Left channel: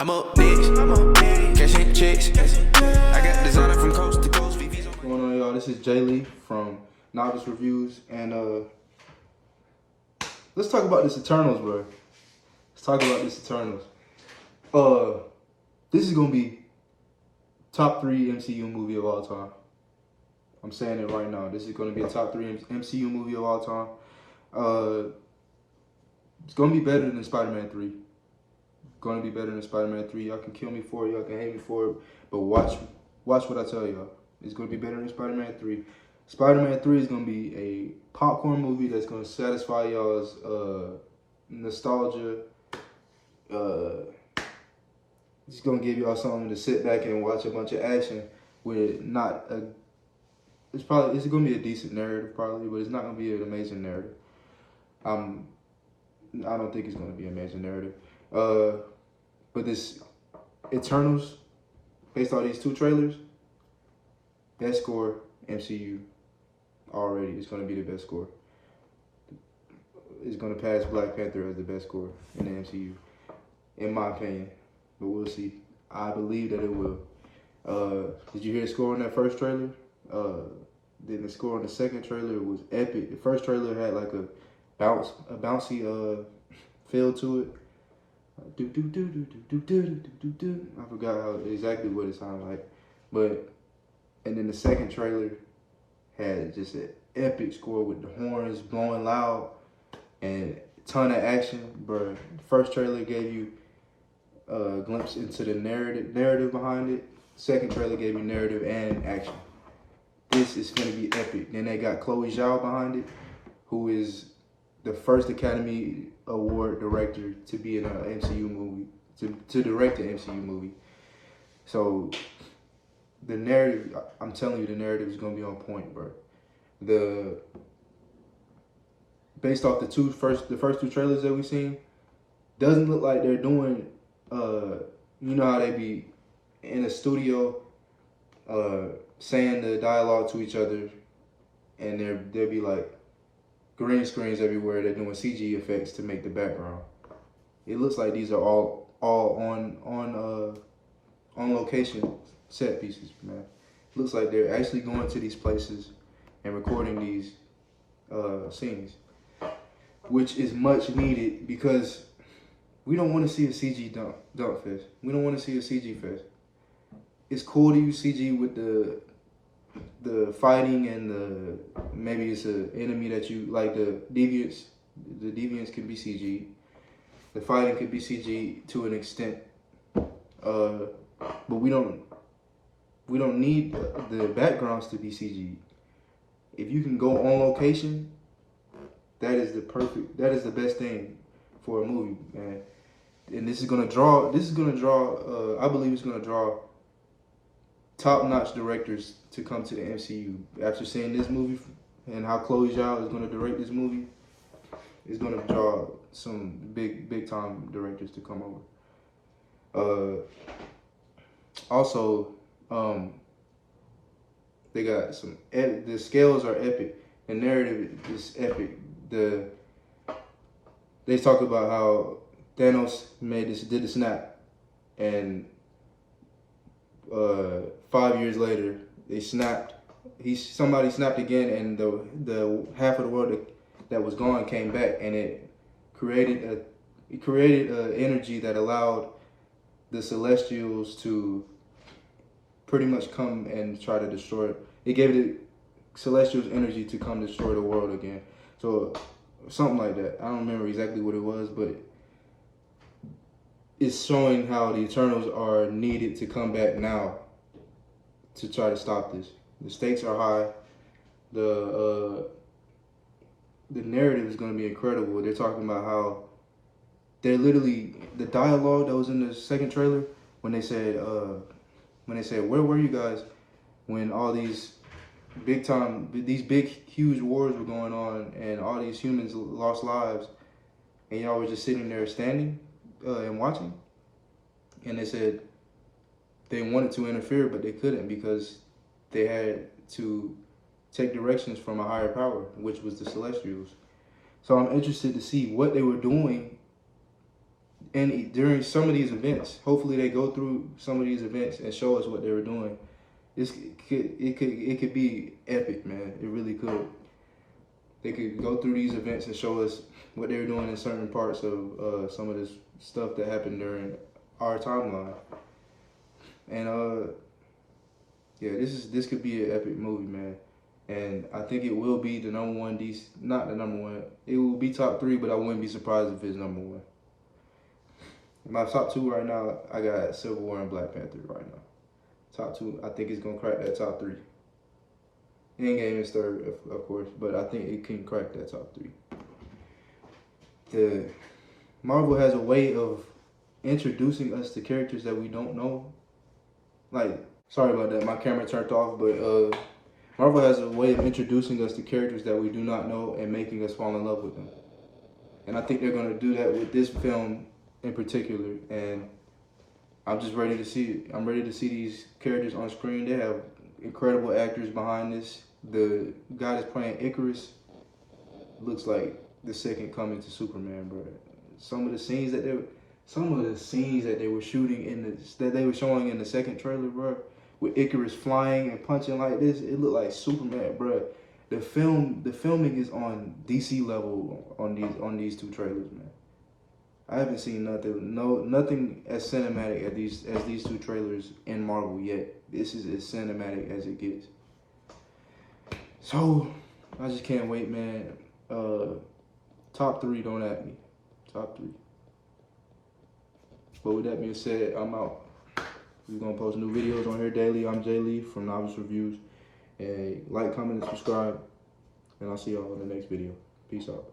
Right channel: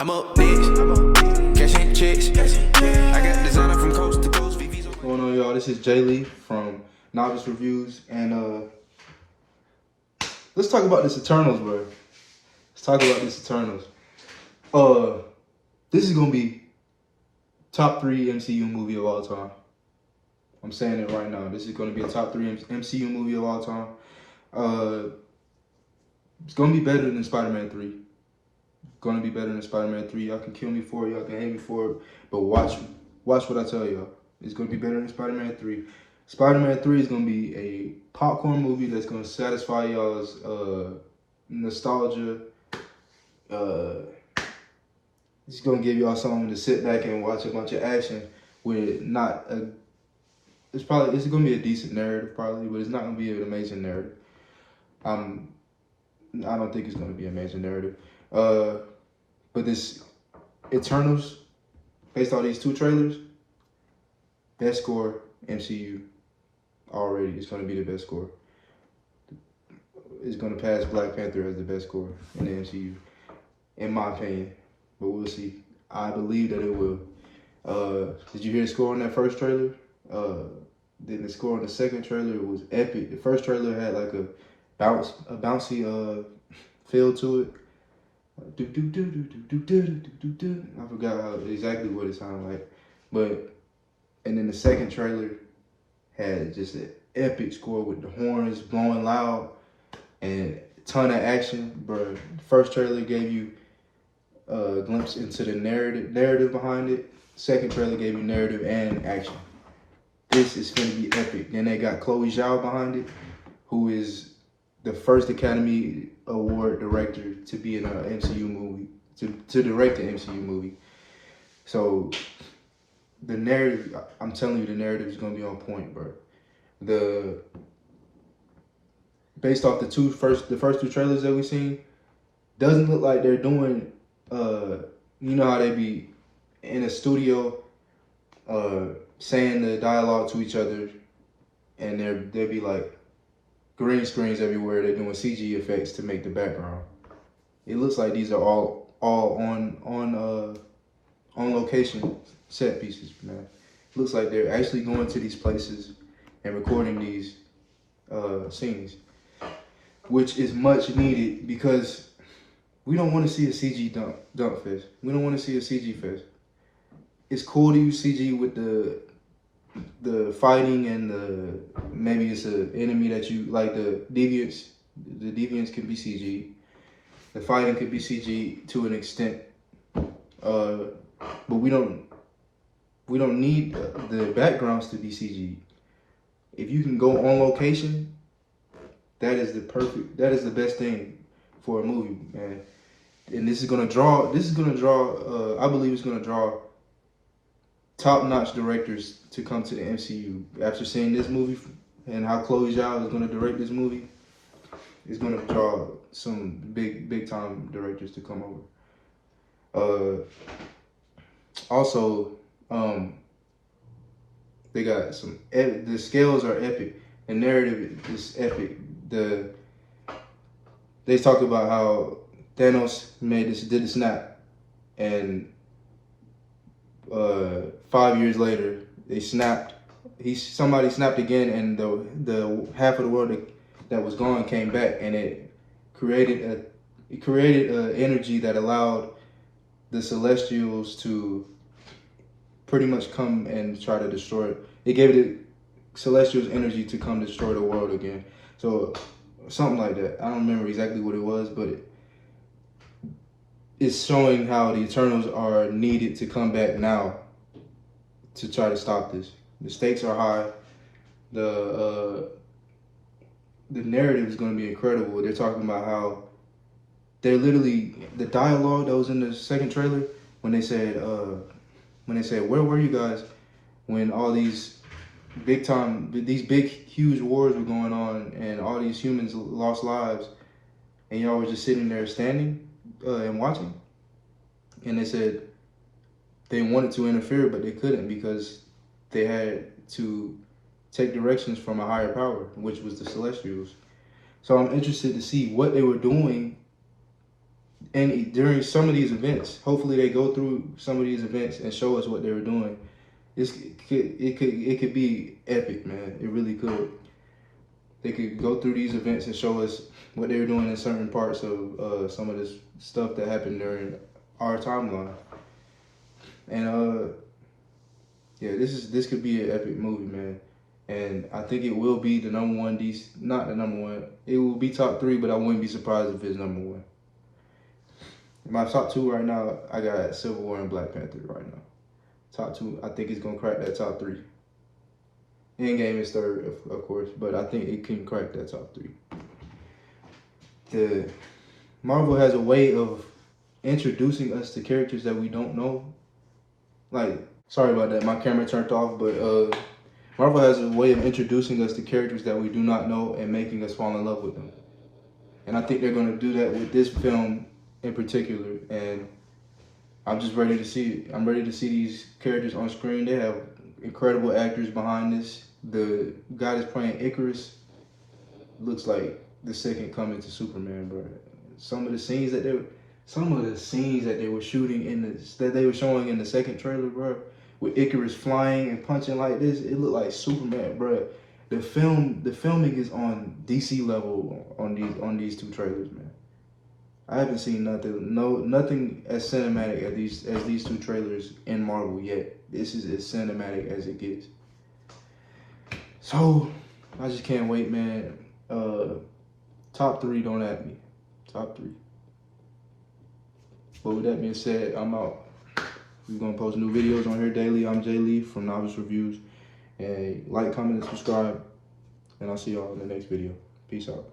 I'm up next. Cashing checks. I got designer from coast to coast. VV's What's going on, y'all? This is Jay Lee from Novice Reviews, and let's talk about this Eternals, bro. Let's talk about this Eternals. This is gonna be top 3 MCU movie of all time. I'm saying it right now. This is gonna be a top 3 MCU movie of all time. It's gonna be better than Spider-Man 3. Gonna be better than Spider-Man 3. Y'all can kill me for it, y'all can hate me for it, but watch what I tell y'all. It's gonna be better than Spider-Man 3. Spider-Man 3 is gonna be a popcorn movie that's gonna satisfy y'all's nostalgia. It's gonna give y'all something to sit back and watch a bunch of action with not a. It's gonna be a decent narrative probably, but it's not gonna be an amazing narrative. I don't think it's gonna be an amazing narrative. But this Eternals, based on these 2 trailers, best score MCU already. It's gonna be the best score. It's gonna pass Black Panther as the best score in the MCU, in my opinion. But we'll see. I believe that it will. Did you hear the score on that first trailer? Then the score on the second trailer was epic. The first trailer had like a bouncy feel to it. I forgot exactly what it sounded like, and then the second trailer had just an epic score with the horns blowing loud and a ton of action, bro. The first trailer gave you a glimpse into the narrative behind it. Second trailer gave you narrative and action. This is gonna be epic. Then they got Chloe Zhao behind it, who is the first Academy Award director to be in an MCU movie, to direct an MCU movie. So the narrative, I'm telling you, the narrative is gonna be on point, bro. Based off the first 2 trailers that we've seen, doesn't look like they're doing. You know how they be in a studio, saying the dialogue to each other, and there'd be like green screens everywhere. They're doing CG effects to make the background. It looks like these are all on location set pieces, man. It looks like they're actually going to these places and recording these scenes, which is much needed because we don't want to see a CG dump fest. We don't want to see a CG fest. It's cool to use CG with the fighting and maybe it's an enemy that you like. The deviants can be CG. The fighting could be CG to an extent, but we don't need the backgrounds to be CG. If you can go on location, that is the best thing for a movie, man. And this is gonna draw. I believe it's gonna draw top-notch directors to come to the MCU. After seeing this movie and how Chloe Zhao is going to direct this movie, it's going to draw some big-time directors to come over. Also, they got the scales are epic. The narrative is epic. They talk about how Thanos did the snap, and 5 years later, they snapped. Somebody snapped again, and the half of the world that was gone came back, and it created an energy that allowed the Celestials to pretty much come and try to destroy it. It gave the Celestials energy to come destroy the world again. So something like that. I don't remember exactly what it was, but it's showing how the Eternals are needed to come back now to try to stop this. The stakes are high. The narrative is going to be incredible. They're talking about how they're literally, the dialogue that was in the second trailer when they said where were you guys when all these big huge wars were going on and all these humans lost lives and y'all were just sitting there standing and watching. And they said they wanted to interfere, but they couldn't because they had to take directions from a higher power, which was the Celestials. So I'm interested to see what they were doing and during some of these events, hopefully they go through some of these events and show us what they were doing. It could be epic, man. It really could. They could go through these events and show us what they were doing in certain parts of some of this stuff that happened during our timeline. And yeah, this could be an epic movie, man. And I think it will be the number one DC, not the number one. It will be top 3, but I wouldn't be surprised if it's number 1. My top 2 right now, I got Civil War and Black Panther right now. Top 2, I think it's gonna crack that top 3. Endgame is 3rd, of course, but I think it can crack that top 3. The Marvel has a way of introducing us to characters that we don't know. Like, sorry about that, my camera turned off, but Marvel has a way of introducing us to characters that we do not know and making us fall in love with them. And I think they're gonna do that with this film in particular, and I'm just ready to see it. I'm ready to see these characters on screen. They have incredible actors behind this. The guy that's playing Icarus looks like the second coming to Superman, bro. Some of the scenes that they were shooting that they were showing in the second trailer, bro, with Icarus flying and punching like this, it looked like Superman, bro. The filming is on DC level on these 2 trailers, man. I haven't seen nothing as cinematic as these 2 trailers in Marvel yet. This is as cinematic as it gets. So I just can't wait, man. Top 3, don't at me. Top 3. But with that being said, I'm out. We're gonna post new videos on here daily. I'm Jay Lee from Novice Reviews. And like, comment, and subscribe. And I'll see y'all in the next video. Peace out.